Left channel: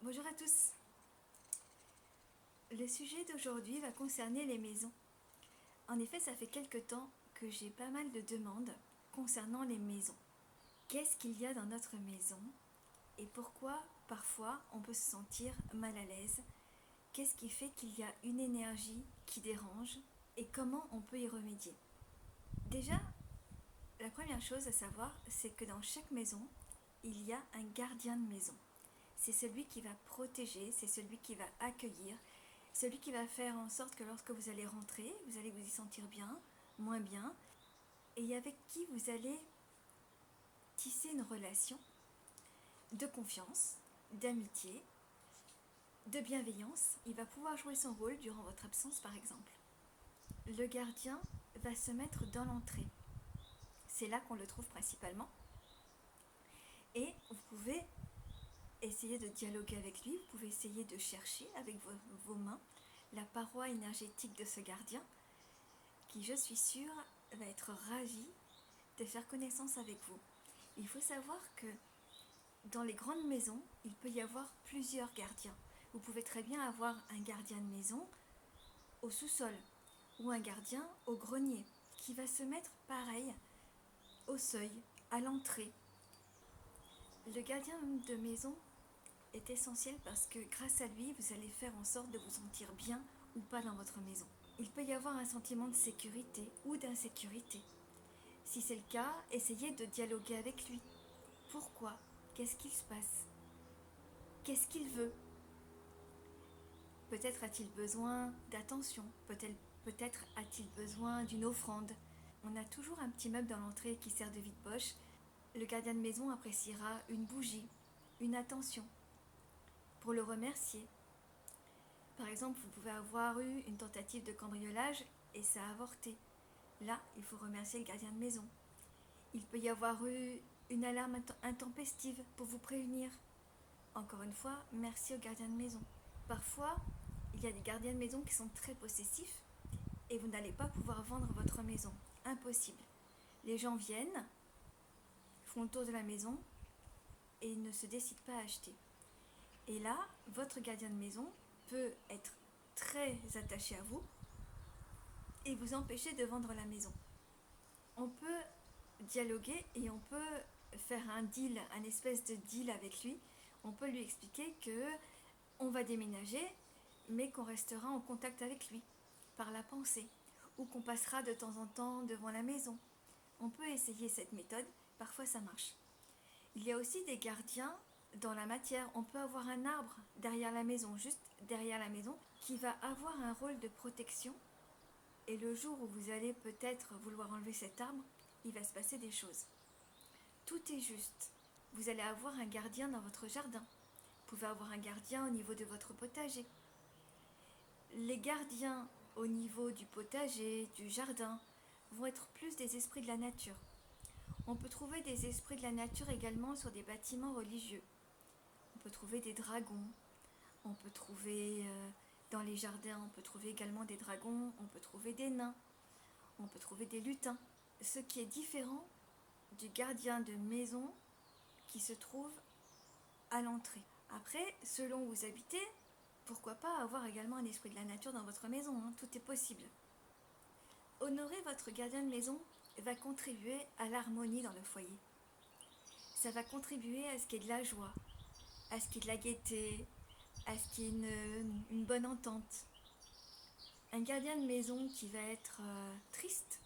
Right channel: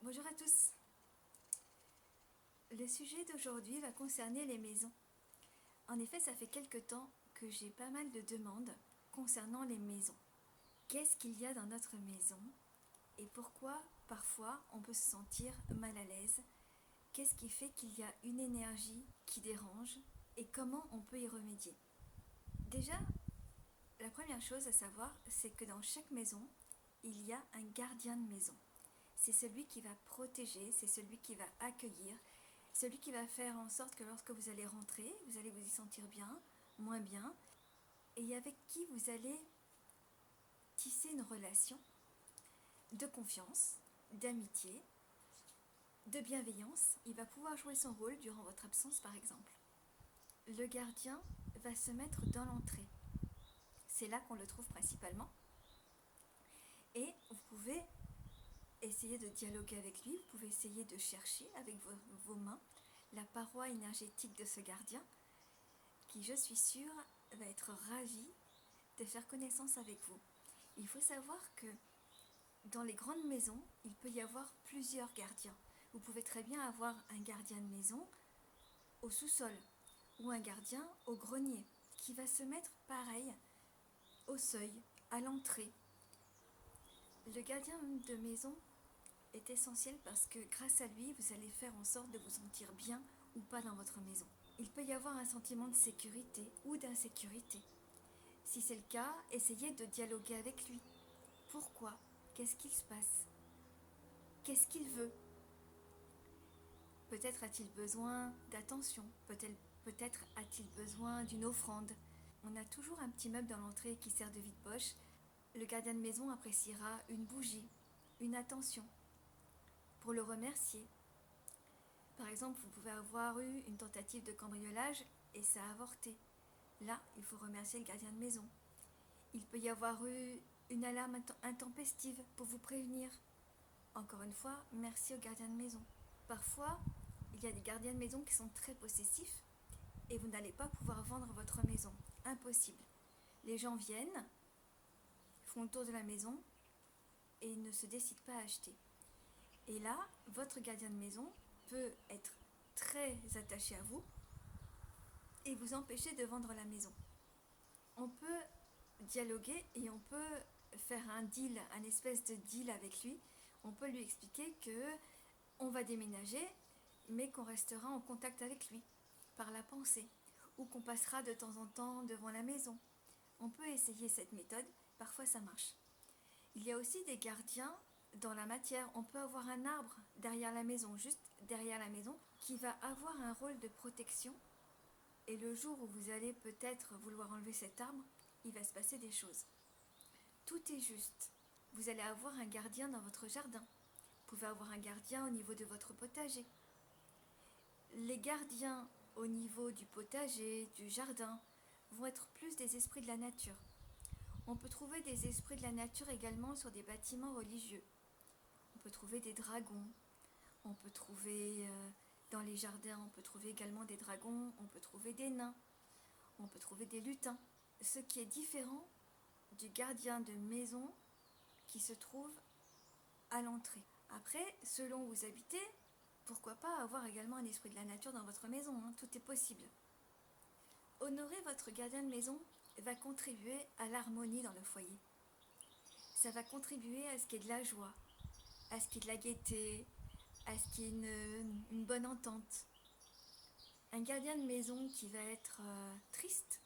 Bonjour à tous. Le sujet d'aujourd'hui va concerner les maisons. En effet, ça fait quelque temps que j'ai pas mal de demandes concernant les maisons. Qu'est-ce qu'il y a dans notre maison et pourquoi parfois on peut se sentir mal à l'aise? Qu'est-ce qui fait qu'il y a une énergie qui dérange et comment on peut y remédier? Déjà, la première chose à savoir, c'est que dans chaque maison, il y a un gardien de maison. C'est celui qui va protéger, c'est celui qui va accueillir, celui qui va faire en sorte que lorsque vous allez rentrer, vous allez vous y sentir bien, moins bien, et avec qui vous allez tisser une relation de confiance, d'amitié, de bienveillance. Il va pouvoir jouer son rôle durant votre absence par exemple. Le gardien va se mettre dans l'entrée. C'est là qu'on le trouve principalement. Et vous pouvez essayer de dialoguer avec lui, vous pouvez essayer de chercher avec vos mains la paroi énergétique de ce gardien qui, je suis sûre, va être ravi de faire connaissance avec vous. Il faut savoir que dans les grandes maisons, il peut y avoir plusieurs gardiens. Vous pouvez très bien avoir un gardien de maison au sous-sol ou un gardien au grenier qui va se mettre pareil au seuil, à l'entrée. Le gardien de maison est essentiel parce que grâce à lui, vous allez faire en sorte de vous sentir bien ou pas dans votre maison. Il peut y avoir un sentiment de sécurité ou d'insécurité. Si c'est le cas, essayez de dialoguer avec lui. Pourquoi? Qu'est-ce qu'il se passe? Qu'est-ce qu'il veut? Peut-être a-t-il besoin d'attention, peut-être a-t-il besoin d'une offrande. On a toujours un petit meuble dans l'entrée qui sert de vide-poche. Le gardien de maison appréciera une bougie, une attention, pour le remercier. Par exemple, vous pouvez avoir eu une tentative de cambriolage et ça a avorté. Là, il faut remercier le gardien de maison. Il peut y avoir eu une alarme intempestive pour vous prévenir. Encore une fois, merci au gardien de maison. Parfois, il y a des gardiens de maison qui sont très possessifs et vous n'allez pas pouvoir vendre votre maison. Impossible. Les gens viennent, font le tour de la maison et ne se décident pas à acheter. Et là, votre gardien de maison peut être très attaché à vous et vous empêcher de vendre la maison. On peut dialoguer et on peut faire un deal, un espèce de deal avec lui. On peut lui expliquer que on va déménager, mais qu'on restera en contact avec lui par la pensée, ou qu'on passera de temps en temps devant la maison. On peut essayer cette méthode, parfois ça marche. Il y a aussi des gardiens dans la matière. On peut avoir un arbre derrière la maison, juste derrière la maison, qui va avoir un rôle de protection. Et le jour où vous allez peut-être vouloir enlever cet arbre, il va se passer des choses. Tout est juste. Vous allez avoir un gardien dans votre jardin. Vous pouvez avoir un gardien au niveau de votre potager. Les gardiens au niveau du potager, du jardin, vont être plus des esprits de la nature. On peut trouver des esprits de la nature également sur des bâtiments religieux. On peut trouver des dragons, on peut trouver dans les jardins, on peut trouver également des dragons, on peut trouver des nains, on peut trouver des lutins. Ce qui est différent du gardien de maison qui se trouve à l'entrée. Après, selon où vous habitez, pourquoi pas avoir également un esprit de la nature dans votre maison, hein, tout est possible. Honorer votre gardien de maison va contribuer à l'harmonie dans le foyer. Ça va contribuer à ce qu'il y ait de la joie, à ce qu'il y ait de la gaieté, à ce qu'il y ait une bonne entente. Un gardien de maison qui va être triste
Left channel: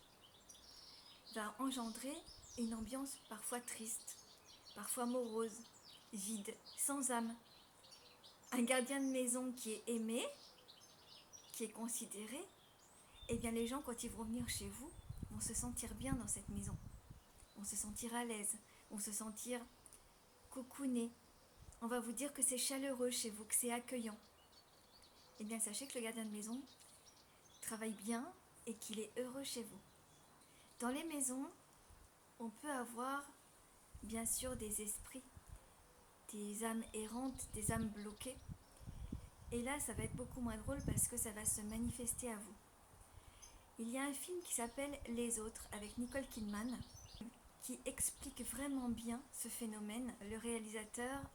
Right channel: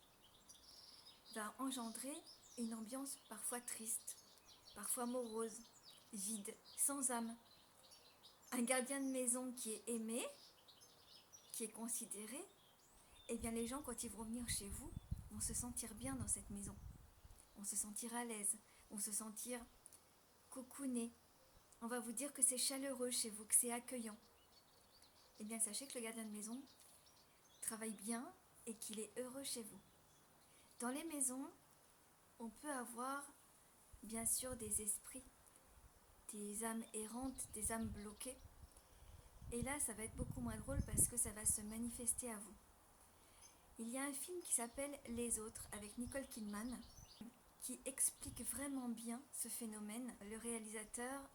va engendrer une ambiance parfois triste, parfois morose, vide, sans âme. Un gardien de maison qui est aimé, qui est considéré, eh bien les gens quand ils vont venir chez vous vont se sentir bien dans cette maison, vont se sentir à l'aise, vont se sentir cocoonés. On va vous dire que c'est chaleureux chez vous, que c'est accueillant. Eh bien sachez que le gardien de maison travaille bien et qu'il est heureux chez vous. Dans les maisons, on peut avoir bien sûr des esprits, des âmes errantes, des âmes bloquées. Et là, ça va être beaucoup moins drôle parce que ça va se manifester à vous. Il y a un film qui s'appelle Les Autres avec Nicole Kidman qui explique vraiment bien ce phénomène. Le réalisateur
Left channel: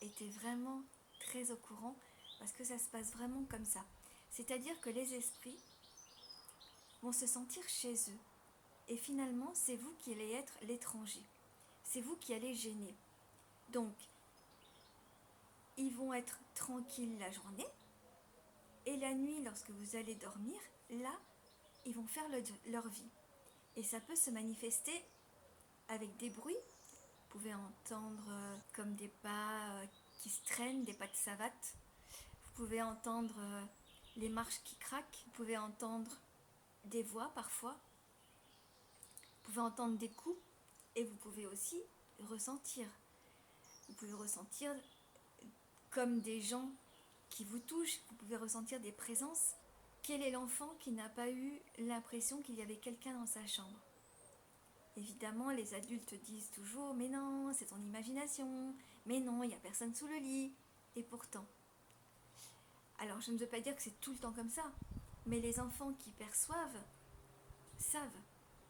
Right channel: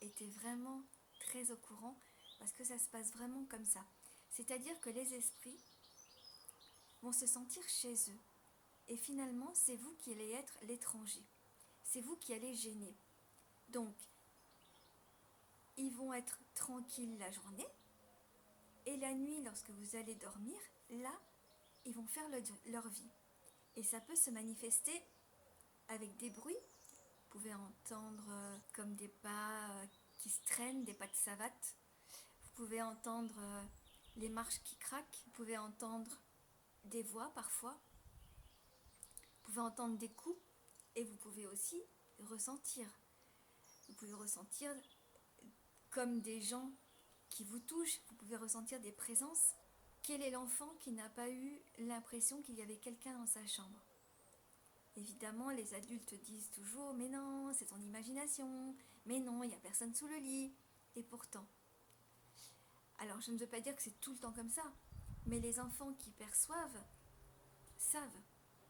est j'étais vraiment très au courant parce que ça se passe vraiment comme ça. C'est-à-dire que les esprits vont se sentir chez eux et finalement c'est vous qui allez être l'étranger. C'est vous qui allez gêner. Donc, ils vont être tranquilles la journée et la nuit, lorsque vous allez dormir, là, ils vont faire leur vie. Et ça peut se manifester avec des bruits. Vous pouvez entendre comme des pas qui se traînent, des pas de savate. Vous pouvez entendre les marches qui craquent. Vous pouvez entendre des voix parfois. Vous pouvez entendre des coups et vous pouvez aussi ressentir. Vous pouvez ressentir comme des gens qui vous touchent. Vous pouvez ressentir des présences. Quel est l'enfant qui n'a pas eu l'impression qu'il y avait quelqu'un dans sa chambre ? Évidemment, les adultes disent toujours « Mais non, c'est ton imagination. Mais non, il n'y a personne sous le lit. » Et pourtant. Alors, je ne veux pas dire que c'est tout le temps comme ça. Mais les enfants qui perçoivent savent.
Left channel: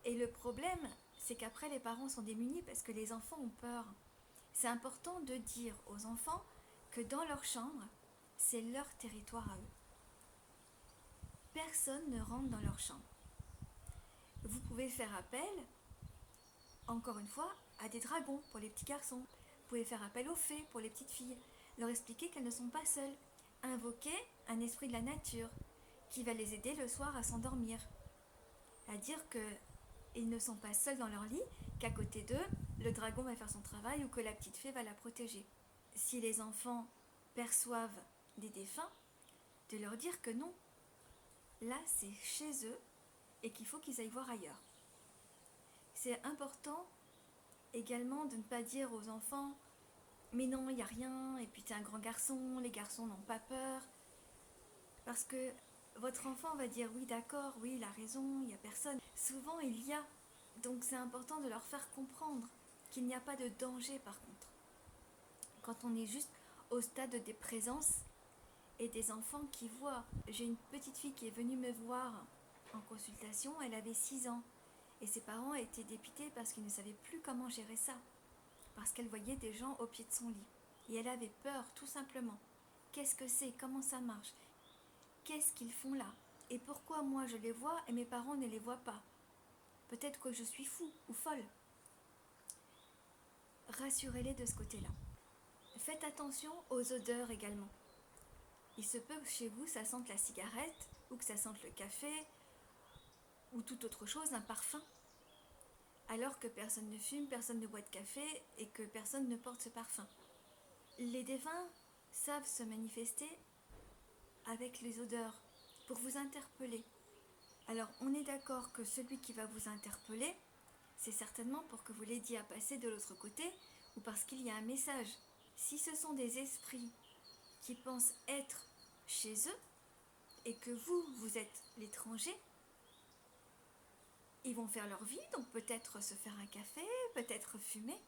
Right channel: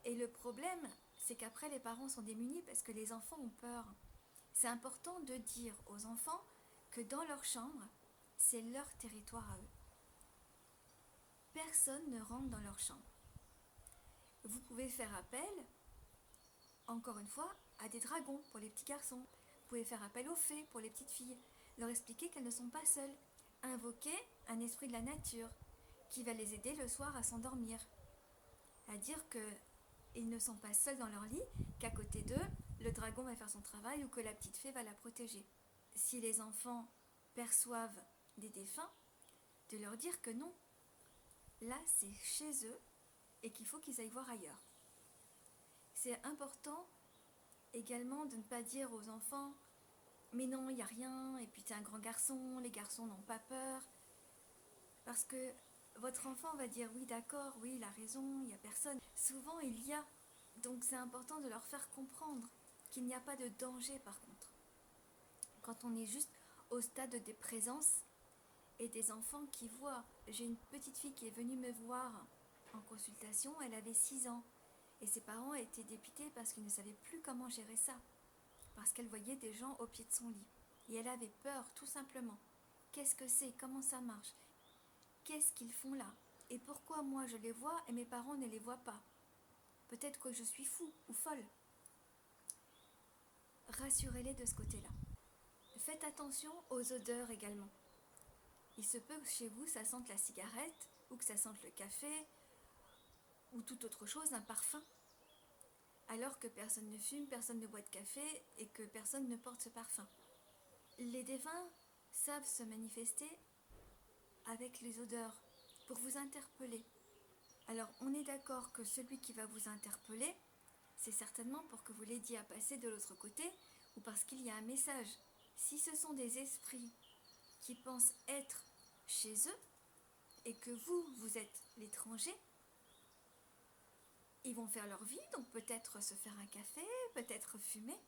Et le problème, c'est qu'après, les parents sont démunis parce que les enfants ont peur. C'est important de dire aux enfants que dans leur chambre, c'est leur territoire à eux. Personne ne rentre dans leur chambre. Vous pouvez faire appel, encore une fois, à des dragons pour les petits garçons. Vous pouvez faire appel aux fées pour les petites filles. Leur expliquer qu'elles ne sont pas seules. Invoquer un esprit de la nature qui va les aider le soir à s'endormir. À dire qu'ils ne sont pas seuls dans leur lit, qu'à côté d'eux, le dragon va faire son travail ou que la petite fée va la protéger. Si les enfants perçoivent des défunts, de leur dire que non. Là, c'est chez eux et qu'il faut qu'ils aillent voir ailleurs. C'est important également de ne pas dire aux enfants « Mais non, il n'y a rien, et puis t'es un grand garçon, les garçons n'ont pas peur. » Parce que votre enfant va dire « Oui, d'accord, oui, il a raison, il n'y a personne. » Souvent, il y a. Donc c'est important de leur faire comprendre qu'il n'y a pas de danger par contre. Quand on est juste au stade des présences et des enfants qui voient. J'ai une petite fille qui est venue me voir en consultation, elle avait 6 ans. Et ses parents étaient dépités parce qu'ils ne savaient plus comment gérer ça. Parce qu'elle voyait des gens au pied de son lit. Et elle avait peur, tout simplement. Qu'est-ce que c'est ? Comment ça marche ? Qu'est-ce qu'ils font là ? Et pourquoi moi je les vois et mes parents ne les voient pas ? Peut-être que je suis fou ou folle. Rassurez-les de ce côté-là. Faites attention aux odeurs également. Il se peut que chez vous, ça sente la cigarette, ou que ça sente le café, ou toute autre chose, un parfum. Alors que personne ne fume, personne ne boit de café, et que personne ne porte ce parfum. Les défunts savent se manifester avec les odeurs, pour vous interpeller. Alors, on est d'accord que celui qui va vous interpeller, c'est certainement pour que vous l'aidiez à passer de l'autre côté, ou parce qu'il y a un message. Si ce sont des esprits qui pensent être chez eux, et que vous êtes l'étranger, ils vont faire leur vie, donc peut-être se faire un café, peut-être fumer,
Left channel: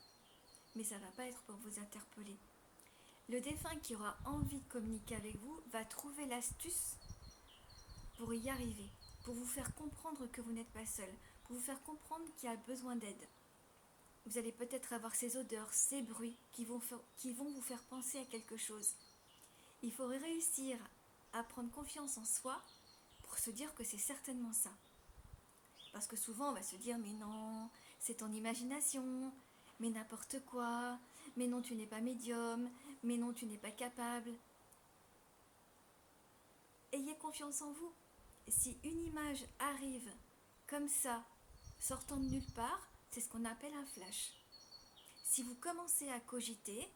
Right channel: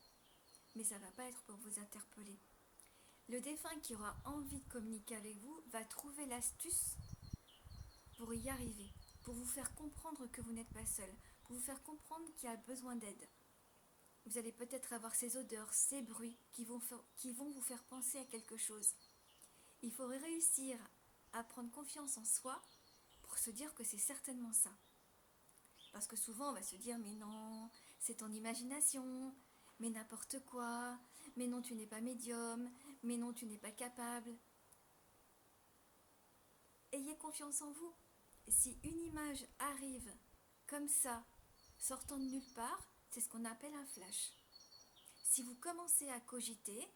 mais ça ne va pas être pour vous interpeller. Le défunt qui aura envie de communiquer avec vous va trouver l'astuce pour y arriver, pour vous faire comprendre que vous n'êtes pas seul, pour vous faire comprendre qu'il y a besoin d'aide. Vous allez peut-être avoir ces odeurs, ces bruits qui vont vous faire penser à quelque chose. Il faut réussir à prendre confiance en soi pour se dire que c'est certainement ça. Parce que souvent on va se dire « mais non, c'est ton imagination, mais n'importe quoi, mais non tu n'es pas médium, mais non tu n'es pas capable ». Ayez confiance en vous. Si une image arrive comme ça, sortant de nulle part, c'est ce qu'on appelle un flash. Si vous commencez à cogiter,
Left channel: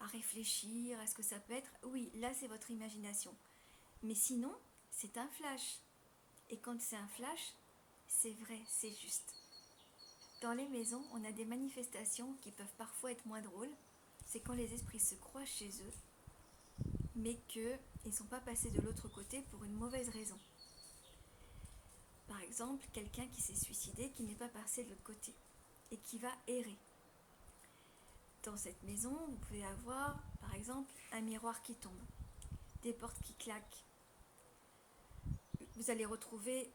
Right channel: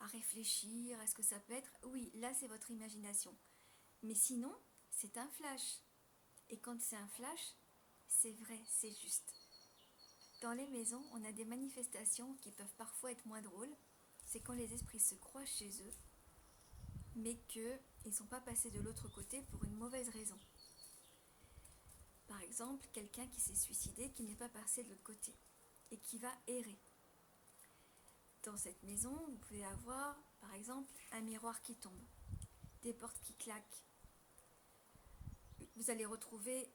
à réfléchir à ce que ça peut être, oui, là c'est votre imagination. Mais sinon, c'est un flash. Et quand c'est un flash, c'est vrai, c'est juste. Dans les maisons, on a des manifestations qui peuvent parfois être moins drôles. C'est quand les esprits se croient chez eux, mais qu'ils ne sont pas passés de l'autre côté pour une mauvaise raison. Par exemple, quelqu'un qui s'est suicidé, qui n'est pas passé de l'autre côté, et qui va errer. Dans cette maison, vous pouvez avoir, par exemple, un miroir qui tombe, des portes qui claquent. Vous allez retrouver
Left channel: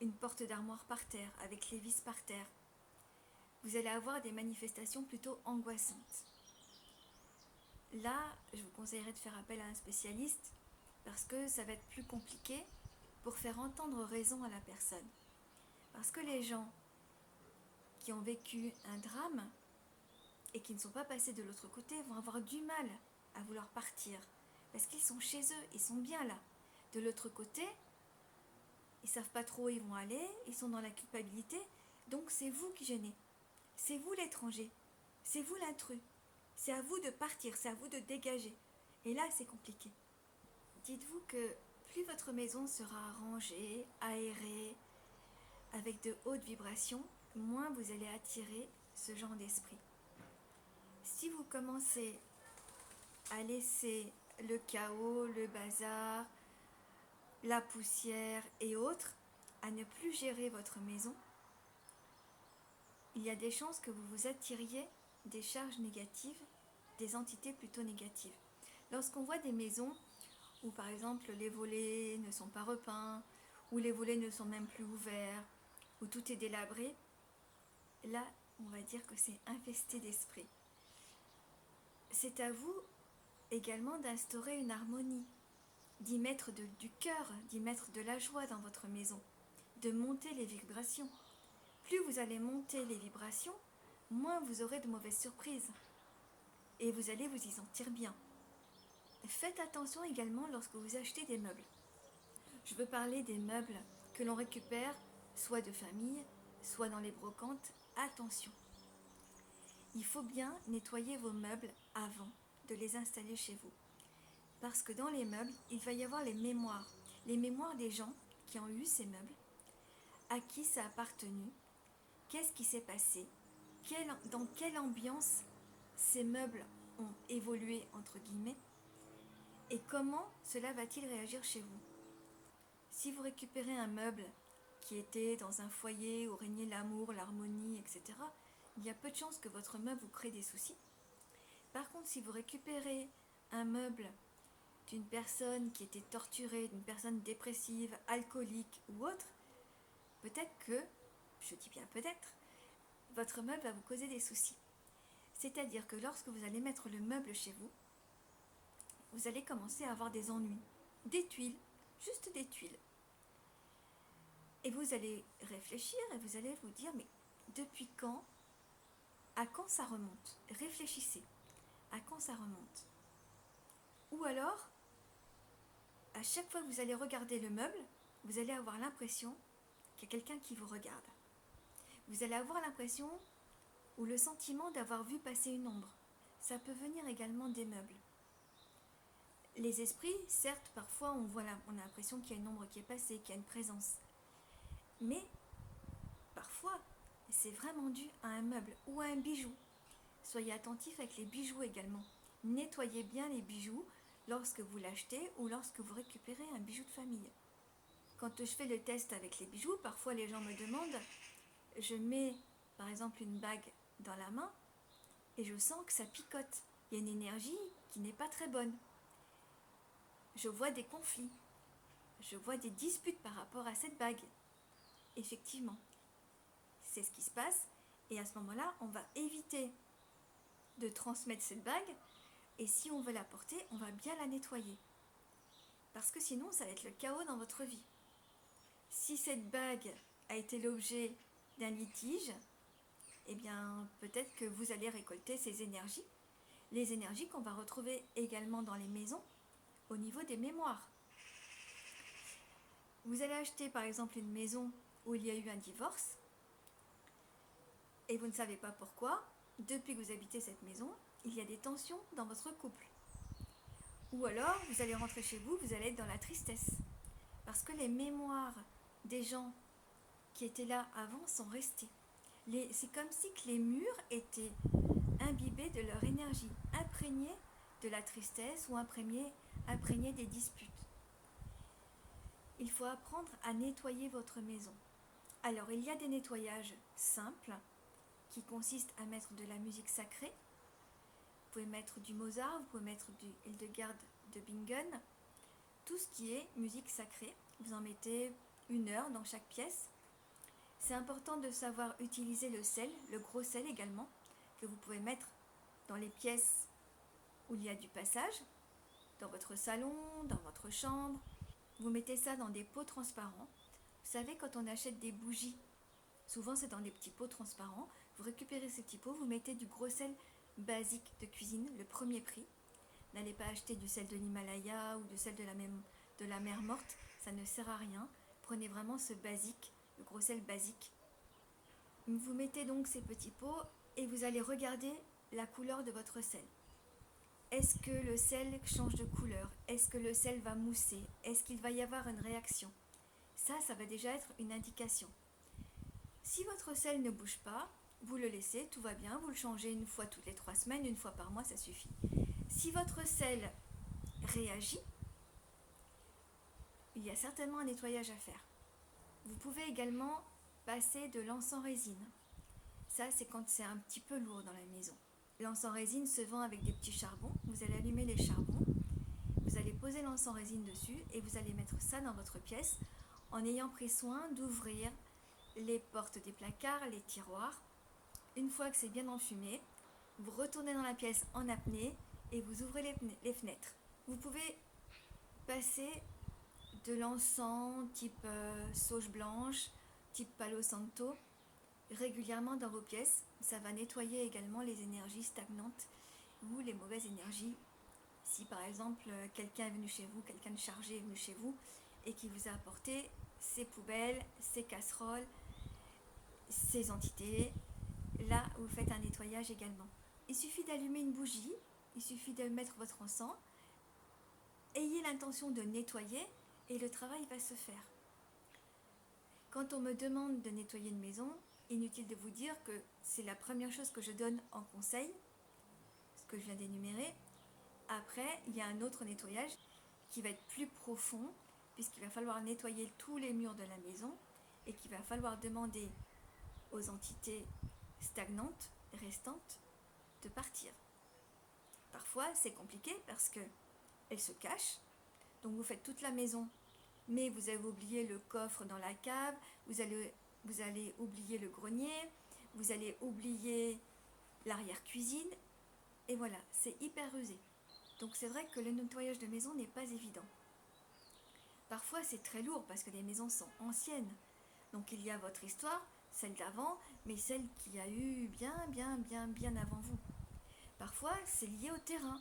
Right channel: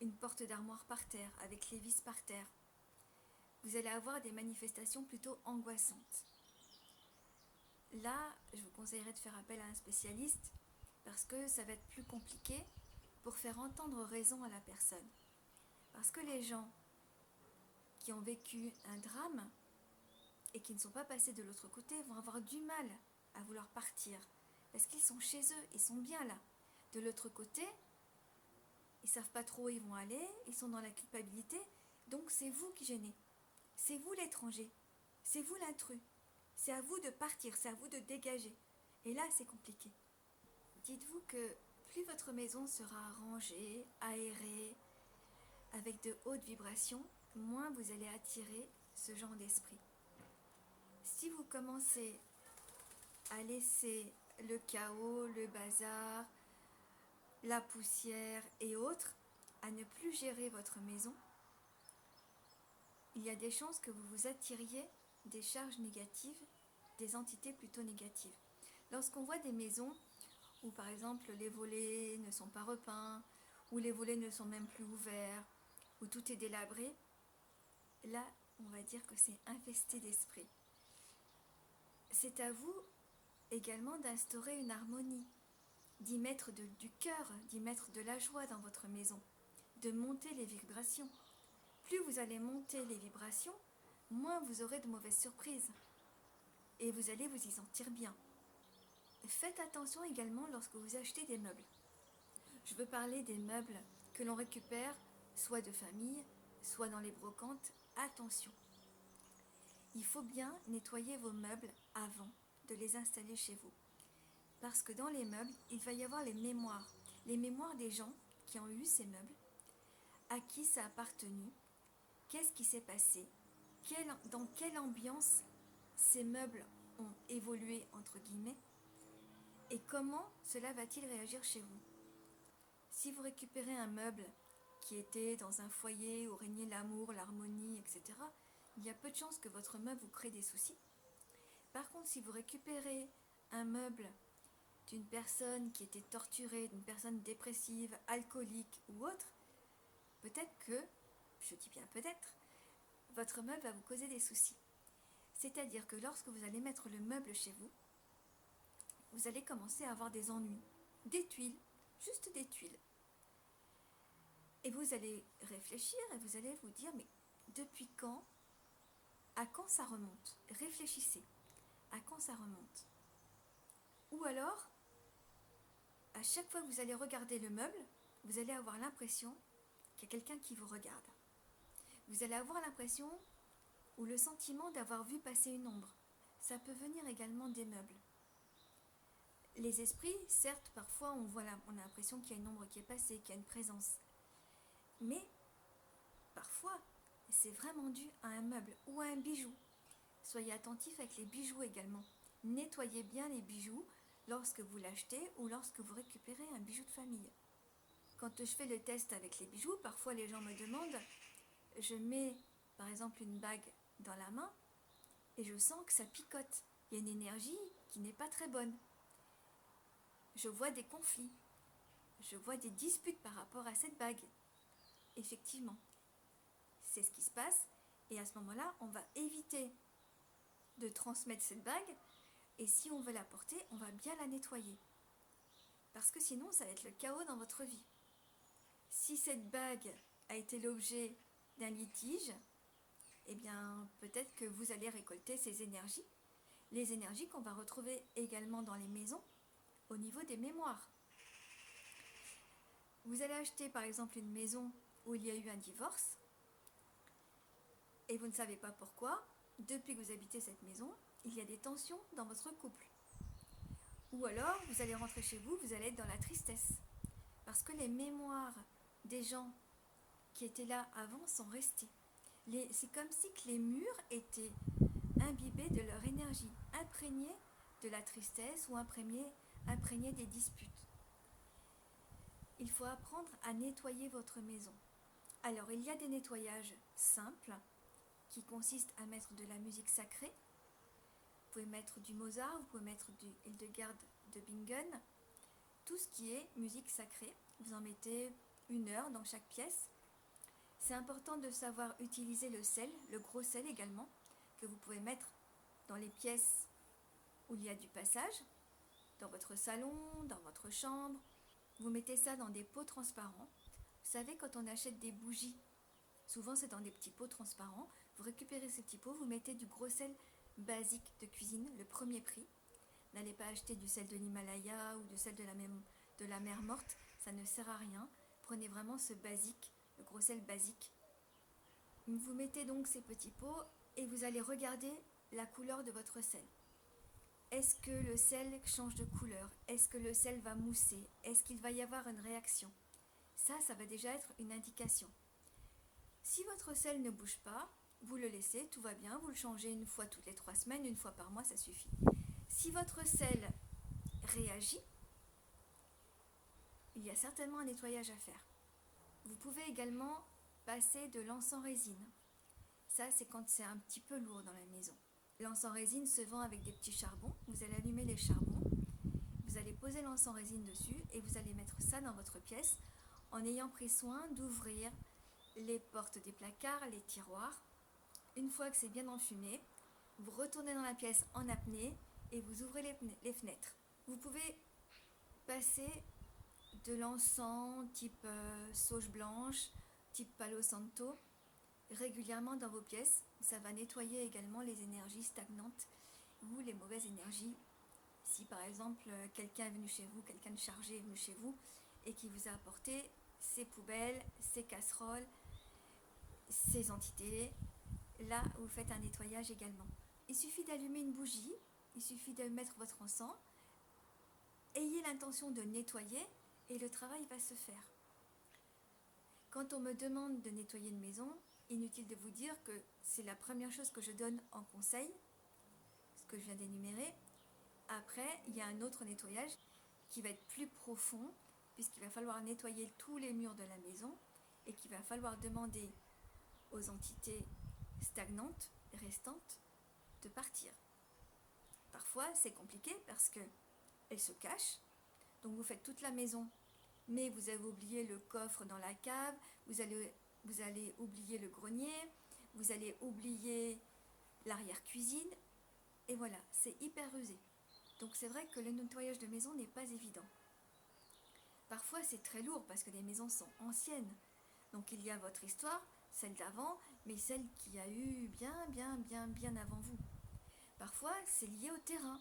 une porte d'armoire par terre, avec les vis par terre. Vous allez avoir des manifestations plutôt angoissantes. là, je vous conseillerais de faire appel à un spécialiste parce que ça va être plus compliqué pour faire entendre raison à la personne. Parce que les gens qui ont vécu un drame et qui ne sont pas passés de l'autre côté vont avoir du mal à vouloir partir parce qu'ils sont chez eux, ils sont bien là. De l'autre côté, ils savent pas trop où ils vont aller, ils sont dans la culpabilité, donc c'est vous qui gênez. C'est vous l'étranger, c'est vous l'intrus. C'est à vous de partir, c'est à vous de dégager. Et là, c'est compliqué. Dites-vous que plus votre maison sera rangée, aérée, avec de hautes vibrations, moins vous allez attirer ce genre d'esprit. Si vous commencez à laisser le chaos, le bazar, la poussière et autres, à ne plus gérer votre maison, il y a des chances que vous vous attiriez des charges négatives, des entités plutôt négatives. Lorsqu'on voit des maisons où par exemple les volets ne sont pas repeints, où les volets ne sont même plus ouverts, où tout est délabré, là on va dire que c'est infesté d'esprit. C'est à vous également d'instaurer une harmonie, d'y mettre du cœur, d'y mettre de la joie dans votre maison, de monter les vibrations. Plus vous allez monter les vibrations, moins vous aurez de mauvaises surprises. Et vous allez vous y sentir bien. Faites attention également lorsque vous achetez des meubles. Je veux parler des meubles que l'on récupère, soit de famille, soit dans les brocantes. Attention. Il faut bien nettoyer vos meubles avant de les installer chez vous. Parce que dans les meubles, il va y avoir les mémoires des gens qui ont eu ces meubles, à qui ça a appartenu, qu'est-ce qui s'est passé, dans quelle ambiance ces meubles ont évolué, entre guillemets, et comment cela va-t-il réagir chez vous. Si vous récupérez un meuble qui était dans un foyer où régnait l'amour, l'harmonie, etc., il y a peu de chances que votre meuble vous crée des soucis. Par contre, si vous récupérez un meuble d'une personne qui était torturée, d'une personne dépressive, alcoolique ou autre, peut-être que, je dis bien peut-être, votre meuble va vous causer des soucis. C'est-à-dire que lorsque vous allez mettre le meuble chez vous, vous allez commencer à avoir des ennuis, des tuiles, juste des tuiles. Et vous allez réfléchir et vous allez vous dire, mais depuis quand, à quand ça remonte? Réfléchissez, à quand ça remonte? Ou alors, à chaque fois que vous allez regarder le meuble, vous allez avoir l'impression qu'il y a quelqu'un qui vous regarde. Vous allez avoir l'impression ou le sentiment d'avoir vu passer une ombre. Ça peut venir également des meubles. Les esprits, certes, parfois on a l'impression qu'il y a une ombre qui est passée, qu'il y a une présence. Mais parfois, c'est vraiment dû à un meuble ou à un bijou. Soyez attentifs avec les bijoux également. Nettoyez bien les bijoux lorsque vous l'achetez ou lorsque vous récupérez un bijou de famille. Quand je fais le test avec les bijoux, parfois les gens me demandent, je mets par exemple une bague dans la main et je sens que ça picote. Il y a une énergie qui n'est pas très bonne. Je vois des conflits. Je vois des disputes par rapport à cette bague. Effectivement, c'est ce qui se passe. Et à ce moment-là, on va éviter de transmettre cette bague. Et si on veut la porter, on va bien la nettoyer. Parce que sinon, ça va être le chaos dans votre vie. Si cette bague a été l'objet d'un litige, eh bien, peut-être que vous allez récolter ces énergies. Les énergies qu'on va retrouver également dans les maisons, au niveau des mémoires. Vous allez acheter par exemple une maison où il y a eu un divorce et vous ne savez pas pourquoi, depuis que vous habitez cette maison, il y a des tensions dans votre couple. Ou alors, vous allez rentrer chez vous, vous allez être dans la tristesse. Parce que les mémoires des gens qui étaient là avant sont restés. C'est comme si que les murs étaient imbibés de leur énergie, imprégnés de la tristesse ou imprégnés des disputes. Il faut apprendre à nettoyer votre maison. Alors, il y a des nettoyages simples qui consistent à mettre de la musique sacrée. Vous pouvez mettre du Mozart, vous pouvez mettre du Hildegard de Bingen. Tout ce qui est musique sacrée, vous en mettez 1 heure dans chaque pièce. C'est important de savoir utiliser le sel, le gros sel également, que vous pouvez mettre dans les pièces où il y a du passage, dans votre salon, dans votre chambre. Vous mettez ça dans des pots transparents. Vous savez, quand on achète des bougies, souvent c'est dans des petits pots transparents. Vous récupérez ces petits pots, vous mettez du gros sel basique de cuisine, le premier prix. N'allez pas acheter du sel de l'Himalaya ou du sel de la mer Morte, ça ne sert à rien. Prenez vraiment ce basique, le gros sel basique. Vous mettez donc ces petits pots et vous allez regarder la couleur de votre sel. Est-ce que le sel change de couleur? Est-ce que le sel va mousser? Est-ce qu'il va y avoir une réaction? Ça va déjà être une indication. Si votre sel ne bouge pas, vous le laissez, tout va bien, vous le changez une fois toutes les 3 semaines, une fois par mois, ça suffit. Si votre sel réagit, il y a certainement un nettoyage à faire. Vous pouvez également passer de l'encens résine. Ça, c'est quand c'est un petit peu lourd dans la maison. L'encens résine se vend avec des petits charbons. Vous allez allumer les charbons, vous allez poser l'encens résine dessus et vous allez mettre ça dans votre pièce en ayant pris soin d'ouvrir les portes des placards, les tiroirs. Une fois que c'est bien enfumé, vous retournez dans la pièce en apnée et vous ouvrez les fenêtres. Vous pouvez passer de l'encens type sauge blanche, type Palo Santo, régulièrement dans vos pièces. Ça va nettoyer également les énergies stagnantes ou les mauvaises énergies. Si par exemple quelqu'un est venu chez vous, quelqu'un de chargé est venu chez vous et qui vous a apporté ses poubelles, ses casseroles, ses entités, là vous faites un nettoyage également. Il suffit d'allumer une bougie, il suffit de mettre votre encens, ayez l'intention de nettoyer et le travail va se faire. Quand on me demande de nettoyer une maison, inutile de vous dire que c'est la première chose que je donne en conseil, ce que je viens d'énumérer. Après, il y a un autre nettoyage qui va être plus profond, puisqu'il va falloir nettoyer tous les murs de la maison et qu'il va falloir demander aux entités stagnantes, restantes, de partir. Parfois, c'est compliqué parce qu'elles se cachent, donc vous faites toute la maison, mais vous avez oublié le coffre dans la cave, vous allez oublier le grenier, vous allez oublier l'arrière-cuisine, et voilà, c'est hyper rusé. Donc c'est vrai que le nettoyage de maison n'est pas évident. Parfois c'est très lourd parce que les maisons sont anciennes. Donc il y a votre histoire, celle d'avant, mais celle qui a eu bien avant vous. Parfois c'est lié au terrain.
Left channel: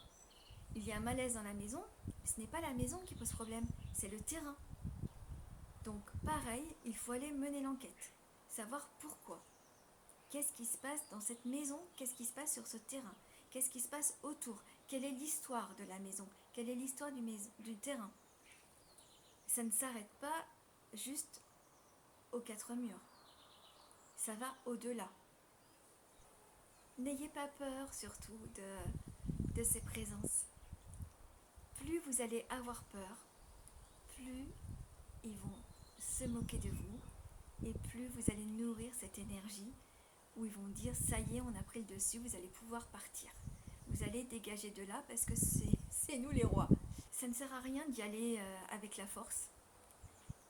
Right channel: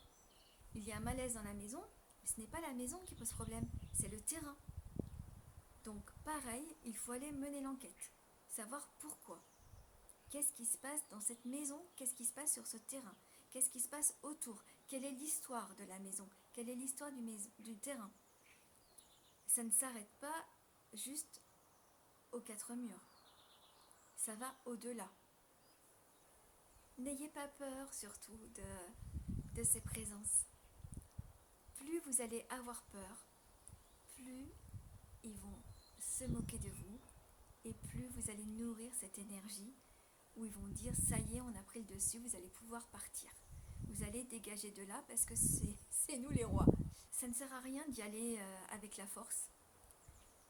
Il y a un malaise dans la maison, mais ce n'est pas la maison qui pose problème, c'est le terrain. Donc pareil, il faut aller mener l'enquête, savoir pourquoi. Qu'est-ce qui se passe dans cette maison? Qu'est-ce qui se passe sur ce terrain? Qu'est-ce qui se passe autour? Quelle est l'histoire de la maison? Quelle est l'histoire du terrain? Ça ne s'arrête pas juste aux 4 murs. Ça va au-delà. N'ayez pas peur surtout de ces présences. Plus vous allez avoir peur, plus ils vont se moquer de vous et plus vous allez nourrir cette énergie où ils vont dire ça y est, on a pris le dessus, vous allez pouvoir partir. Vous allez dégager de là parce que c'est nous les rois. Ça ne sert à rien d'y aller avec la force,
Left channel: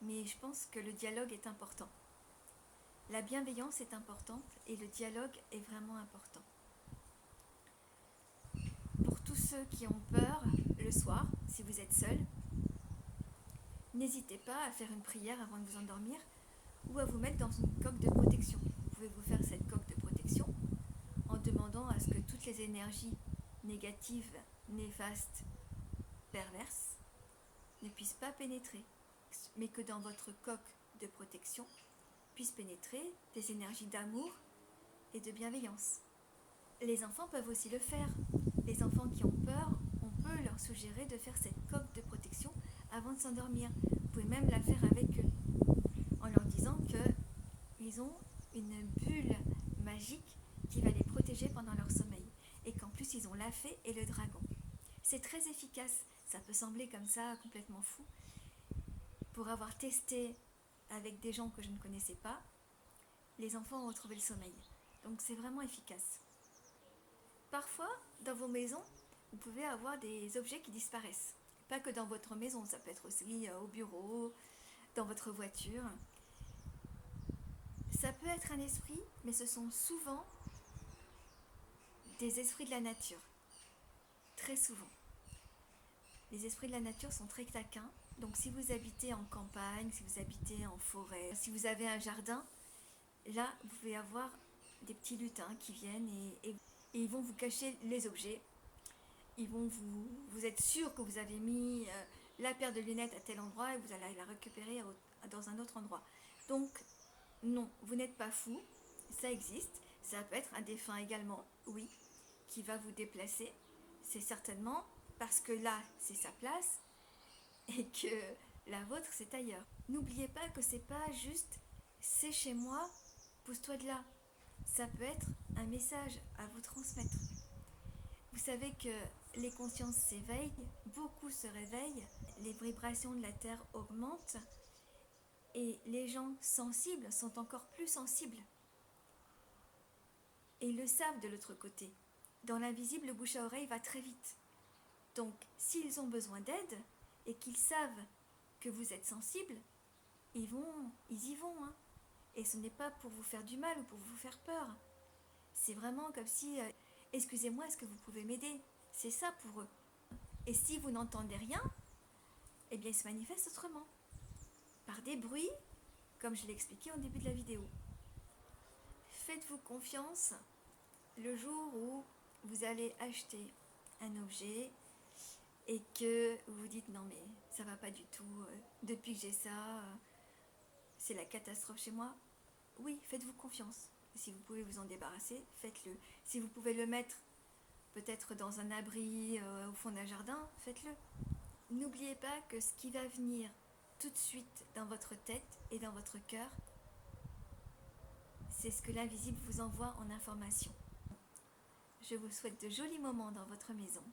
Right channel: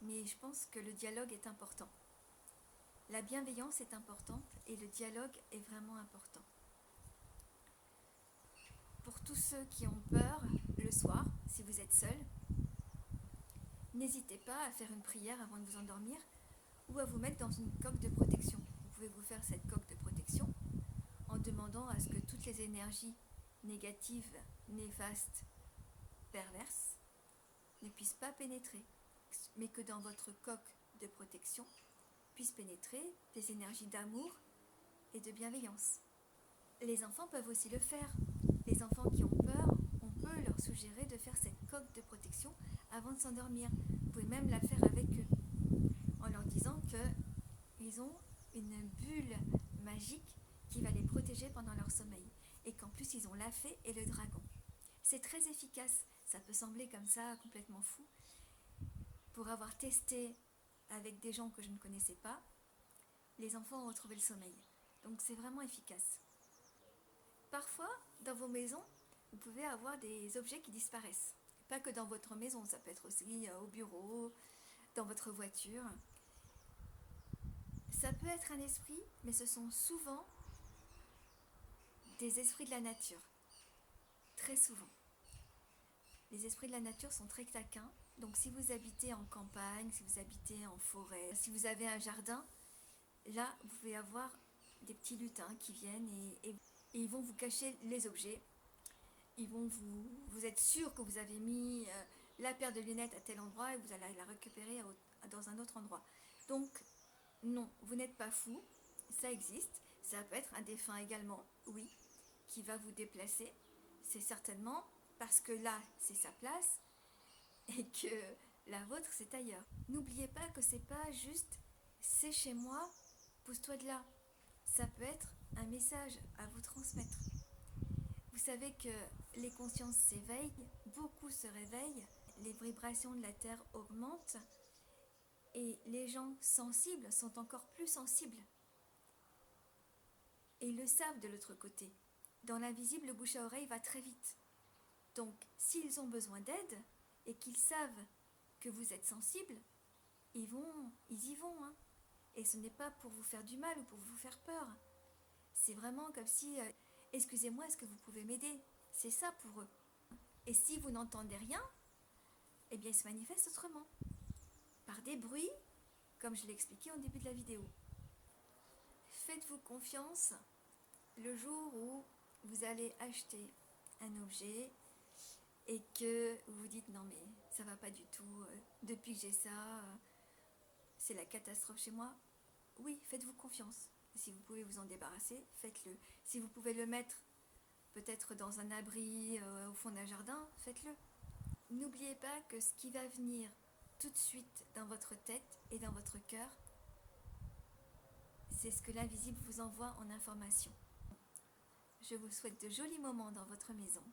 mais je pense que le dialogue est important. La bienveillance est importante et le dialogue est vraiment important. Pour tous ceux qui ont peur le soir, si vous êtes seul, n'hésitez pas à faire une prière avant de vous endormir ou à vous mettre dans une coque de protection. Vous pouvez vous faire cette coque de protection en demandant à ce que toutes les énergies négatives, néfastes, perverses ne puissent pas pénétrer, mais que dans votre coque de protection puissent pénétrer des énergies d'amour et de bienveillance. Les enfants peuvent aussi le faire. Les enfants qui ont peur, on peut leur suggérer de faire cette coque de protection avant de s'endormir. Vous pouvez même la faire avec eux, en leur disant qu'ils ont une bulle magique qui va les protéger pendant leur sommeil. Et qu'en plus, ils ont la fée et le dragon. C'est très efficace. Ça peut sembler comme ça complètement fou. Pour avoir testé avec des gens que je ne connaissais pas, les enfants ont retrouvé le sommeil. Donc c'est vraiment efficace. Parfois, dans vos maisons, vous pouvez avoir des objets qui disparaissent. Pas que dans votre maison, ça peut être aussi au bureau, dans votre voiture. Ça peut être un esprit, mais ce sont souvent des esprits de la nature. très souvent. Les esprits de la nature sont très taquins, donc si vous habitez en campagne, si vous habitez en forêt, si vous avez un jardin, là vous pouvez avoir des petits lutins qui viennent et ils vont vous cacher les objets. Ils vont vous êtes sûr que vous avez mis la paire de lunettes à tel endroit et vous allez la récupérer dans un autre endroit. Donc non, vous n'êtes pas fou, ça existe. Ça peut être un défunt également, oui, qui va vous déplacer. C'est certainement parce que là, c'est sa place et que la vôtre, c'est ailleurs. N'oubliez pas que c'est pas juste c'est chez moi, pousse-toi de là. Ça peut être un message à vous transmettre. Vous savez que les consciences s'éveillent, beaucoup se réveillent, les vibrations de la Terre augmentent et les gens sensibles sont encore plus sensibles. Et ils le savent de l'autre côté. Dans l'invisible, le bouche à oreille va très vite. Donc, s'ils ont besoin d'aide et qu'ils savent que vous êtes sensible, ils y vont. Hein. Et ce n'est pas pour vous faire du mal ou pour vous faire peur. C'est vraiment comme si, excusez-moi, est-ce que vous pouvez m'aider? C'est ça pour eux. Et si vous n'entendez rien, eh bien, ils se manifestent autrement. Par des bruits, comme je l'ai expliqué au début de la vidéo. Faites-vous confiance le jour où vous allez acheter un objet et que vous vous dites non mais ça va pas du tout, depuis que j'ai ça, c'est la catastrophe chez moi. Oui, faites-vous confiance. Si vous pouvez vous en débarrasser, faites-le. Si vous pouvez le mettre peut-être dans un abri au fond d'un jardin, faites-le. N'oubliez pas que ce qui va venir tout de suite dans votre tête et dans votre cœur, c'est ce que l'invisible vous envoie en information. Je vous souhaite de jolis moments dans votre maison,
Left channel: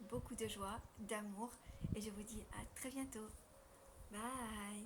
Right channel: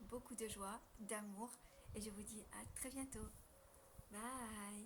beaucoup de joie, d'amour, et je vous dis à très bientôt. Bye!